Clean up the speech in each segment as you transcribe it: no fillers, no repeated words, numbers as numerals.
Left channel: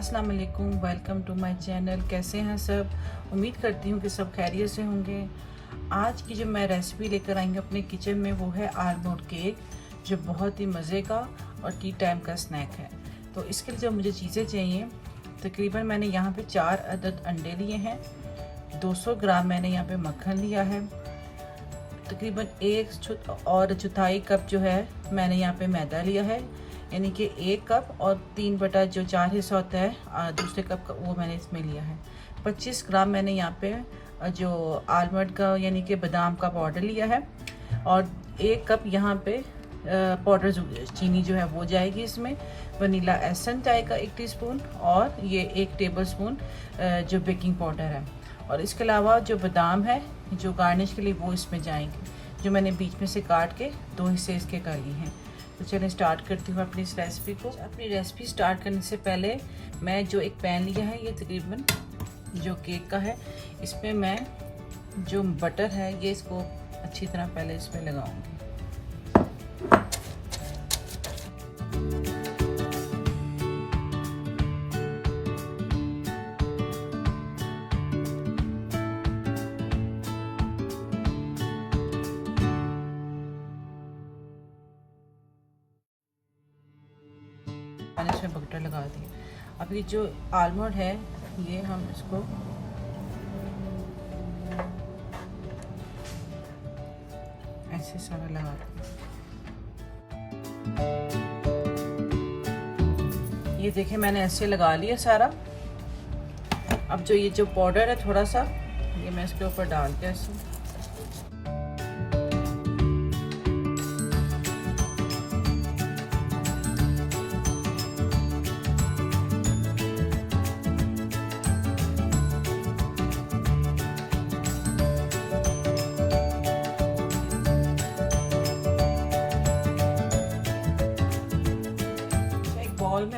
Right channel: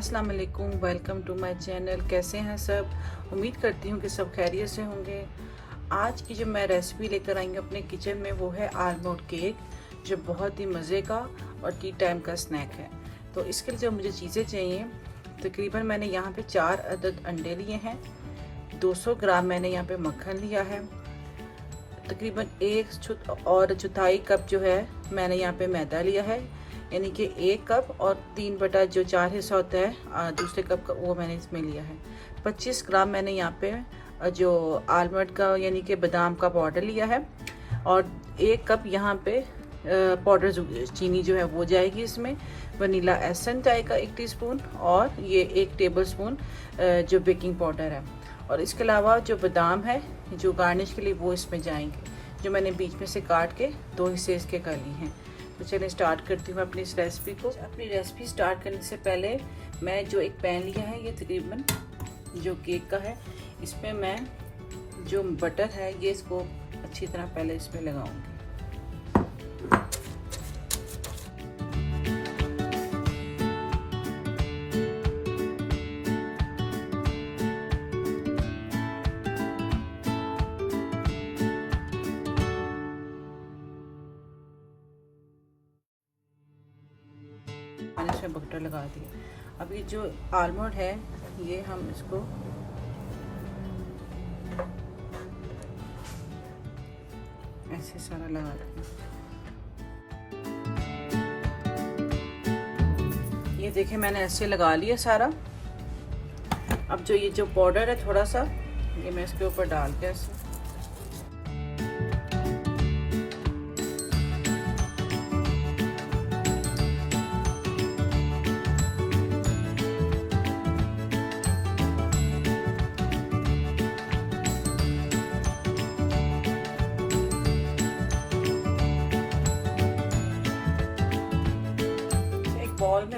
अस्सलाम वालेकुम, welcome to my channel. कैसे हैं सब? उम्मीद करती हूँ कि सब खैरियत से होंगे। आज की जो मैं रेसिपी लेकर आई हूँ अपने किचन में वो है आलमंड केक, जो बहुत ही मज़े का और टी टाइम का स्नैक है। तो इसके लिए जो मुझे चीज़ें चाहिए, तकरीबन मैंने यहाँ पे 4 अदद अंडे लिए हैं, 200 ग्राम मैंने यहाँ पे मक्खन लिया है, तकरीबन 1 कप जो है मैंने यहाँ पे मैदा लिया है, यानी कि 1 कप और 3/4 हिस्सा होता है दूसरे कप का, वो मैंने इसमें लिया है। 25 ग्राम मैंने यहाँ पे जो आलमंड का यानी कि बादाम का पाउडर लिया है, और 1 कप यहाँ पे पाउडर चीनी जो है वो जाएगी इसमें। वनीला एसेंस जाएगा 1 टीस्पून, और ये 1 टेबलस्पून जो बेकिंग पाउडर है। और इसके अलावा जो बादाम है जो गार्निश के लिए वो इसमें जाएंगे, जो मैंने बीच में से काट के 2 हिस्से इसके कर लिए हैं। तो चलिए स्टार्ट करती हूँ अपनी इस रेसिपी को। अपनी रेसिपी स्टार्ट करने से पहले मैं जो एक पैन लिया है, ये तकरीबन जो केक का है, इसमें मैं जो बटर है ये इसको अच्छी तरह पहले इसमें लगाऊंगी। मैंने इसमें बटर लगा दिया। अब ये जो आलमंड है ये हम इसको ऐसे सारा लगा देंगे। ये देखिए मैंने ऐसे लगा लिया सारा। अब जो ये जो पाउडर है थोड़ा सा, ये मैं इसके ऊपर डाल के ऐसे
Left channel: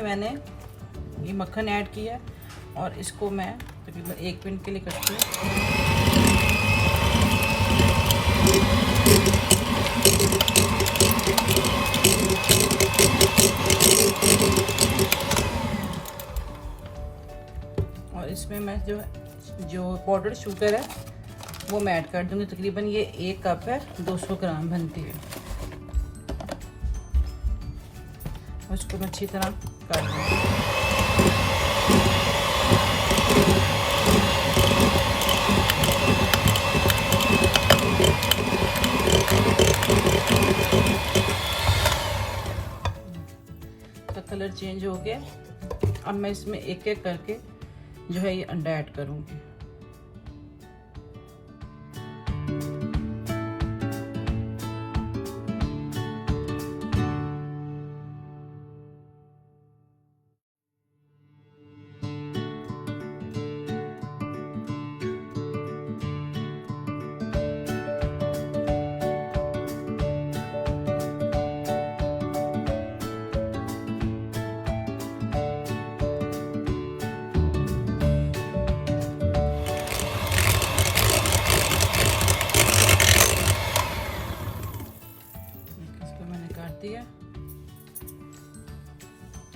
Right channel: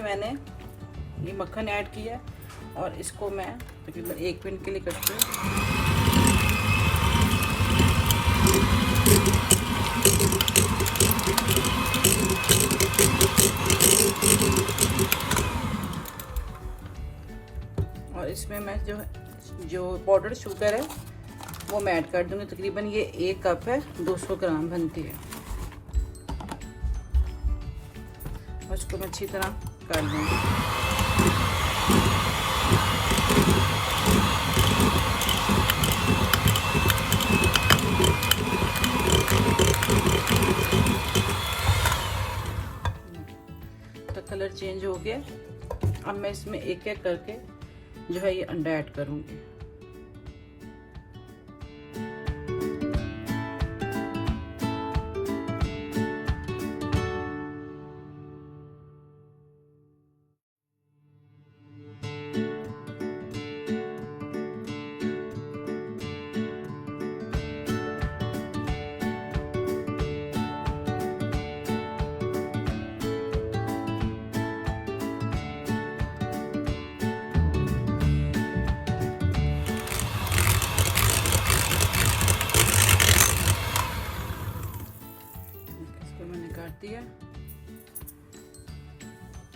मैंने ये मक्खन ऐड किया और इसको मैं तकरीबन 1 मिनट के लिए करती हूँ। और इसमें मैं जो पाउडर शुगर है वो मैं ऐड कर दूंगी। तकरीबन ये 1 कप है, 200 ग्राम बनती है। उसको मैं अच्छी तरह कर दूँगी। तो कलर चेंज हो गया। अब मैं इसमें एक एक करके जो है ये अंडा ऐड करूँगी।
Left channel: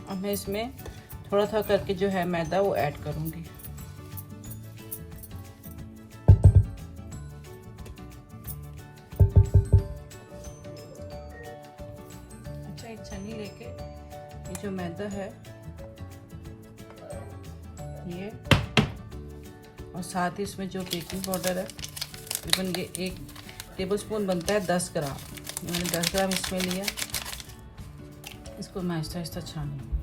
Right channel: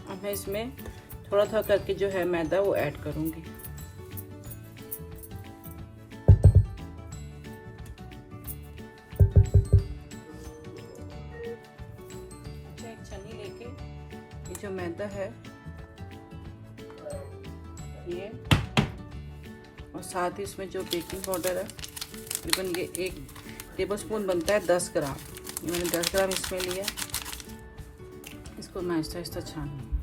अब मैं इसमें थोड़ा थोड़ा करके जो है मैदा वो ऐड करूंगी। अच्छा, एक छन्नी लेके ये जो मैदा है ये, और साथ ही इसमें जो बेकिंग पाउडर है तकरीबन ये 1 टेबलस्पून बनता है 10 ग्राम, मैंने 10 ग्राम इसमें लिया। इसको मैं आहिस्ता छानूंगी।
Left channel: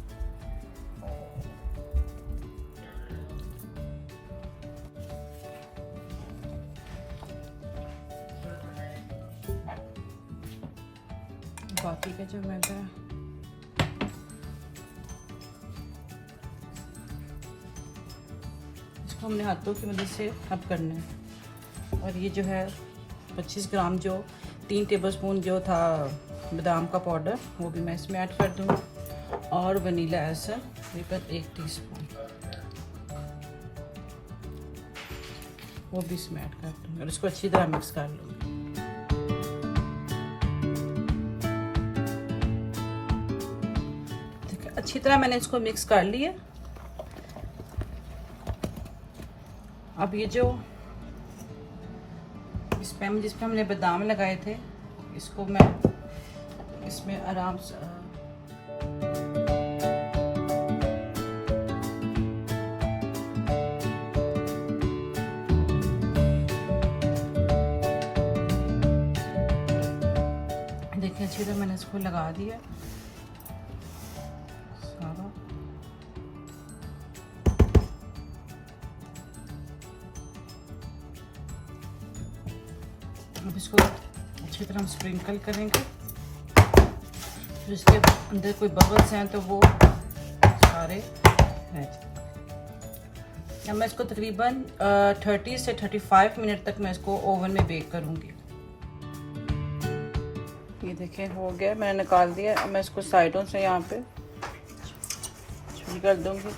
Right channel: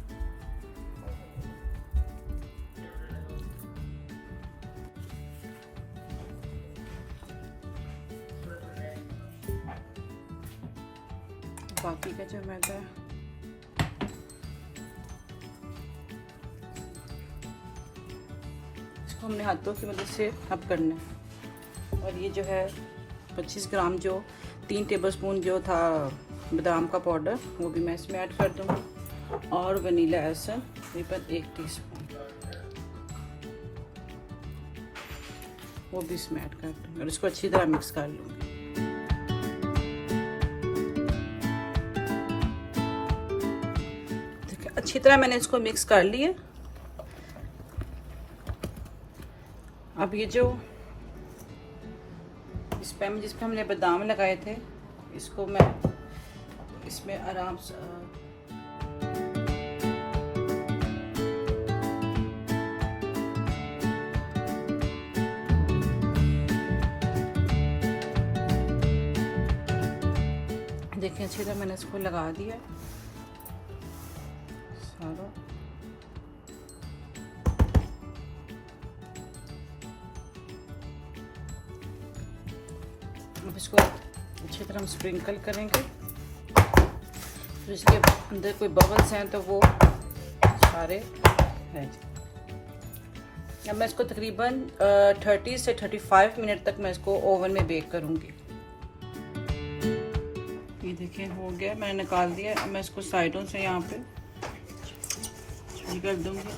बाकी का जो मैदा है इसको हमने हाथों की मदद से अब करना है। और ये जो है 25 ग्राम जो 3 टेबलस्पून जो था बादाम का पाउडर वो भी मैं इसमें ऐड कर दूँगी, और वनीला एसेंस तकरीबन 1 टीस्पून वो भी इसमें ऐड कर दूँगी और इसको अच्छी तरह मिक्स कर लूँगी। अच्छी तरह मैंने इसको मिक्स कर लिया। अब ये जो इस पैन में जिस पे हमने बादाम लगाए थे, इसको मैं इसमें आराम से देखिए अच्छे से मैंने इसको लगा दिया सारा। अब इसको अच्छी तरह हम स्प्रिंकल करेंगे, जिसके अंदर कोई बबल्स हैं तो वो सारे रह जाए। अब मैं इसको तकरीबन 30 से 35 मिनट तक मैं इसको ओवन में बेक करूंगी। ये देखिए हो गया, मैंने निकाल दिया। अब मैं इसको साइडों से यहाँ पे कर दूंगी।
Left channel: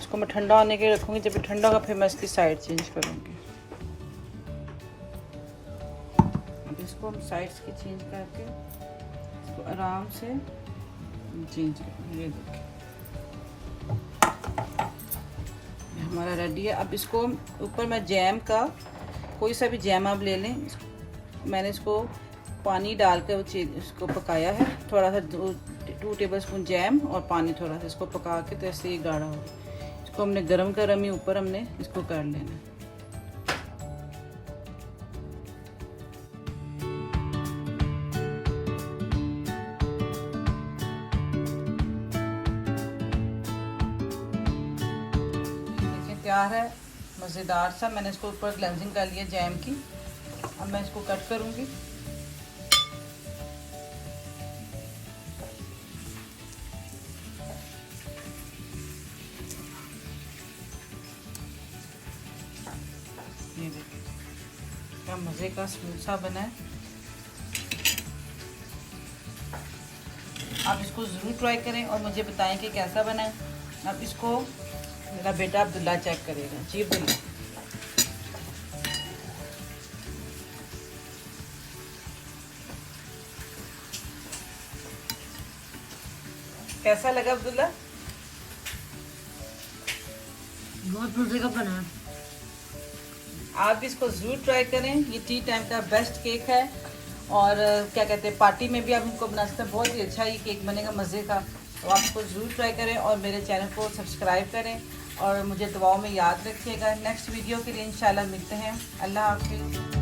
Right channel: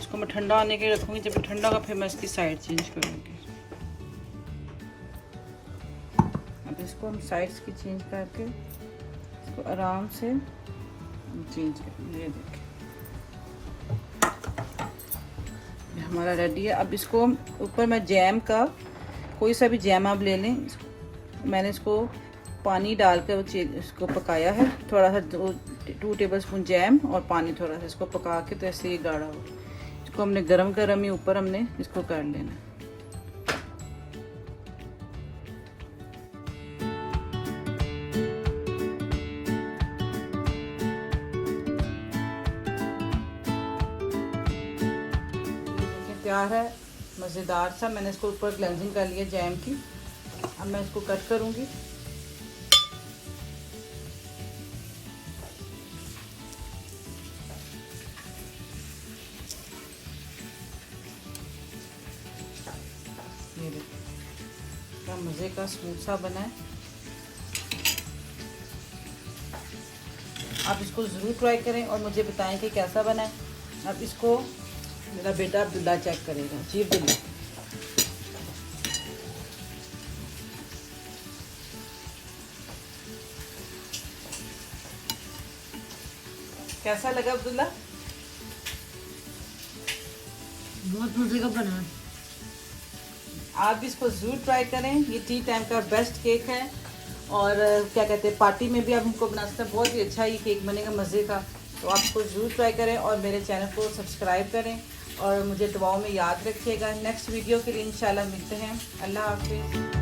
इसको मैं ठंडा होने के लिए रखूंगी, जब ठंडा होगा फिर मैं इसकी साइड चेंज करूंगी। इसको हम साइड्स की चेंज करके इसको आराम से चेंज करेंगे। ये देखिए हमारा रेडी है। अब इसको ऊपर मैं जैम का कोई सा भी जैम आप ले लें। मैंने इसको पानी डालकर इसको पकाया है, थोड़ा सा 2 टेबलस्पून जैम और पानी थोड़ा सा, इसको पका के तो ऐसे ही गाढ़ा हो। इसको हमने गरम गरम ही ऊपर हमने इसको कर लेना। तैयार है मज़ेदार सा। मैंने इसको ऊपर क्लेंजिंग कर लिया जैम की। अब मैं इसको कट करूंगी। ये देखिए क्या मज़े का स्मूथ सा बना है। आप इसको ज़रूर ट्राई करें और मुझे बताएं कि कैसा बना है। अब इसको मेरा बेटा अब्दुल्ला चेक करेगा। जी अब्दुल्ला, कैसा लगा अब्दुल्ला? बहुत मजे का बना है। आप भी इसको जरूर ट्राई करें। ये टी टाइम का बेस्ट केक है और क्या कहते हैं पार्टी में भी आप इनको बना सकते हैं। बहुत ही अच्छा ये केक बनेगा मज़े का। तो आप इसको ज़रूर ट्राई करें और मेरे चैनल को सब्सक्राइब करें और मुझे दुआओं में याद रखिएगा। नेक्स्ट वीडियो के लिए इंशाल्लाह मिलते हैं। अल्लाह हाफिज़।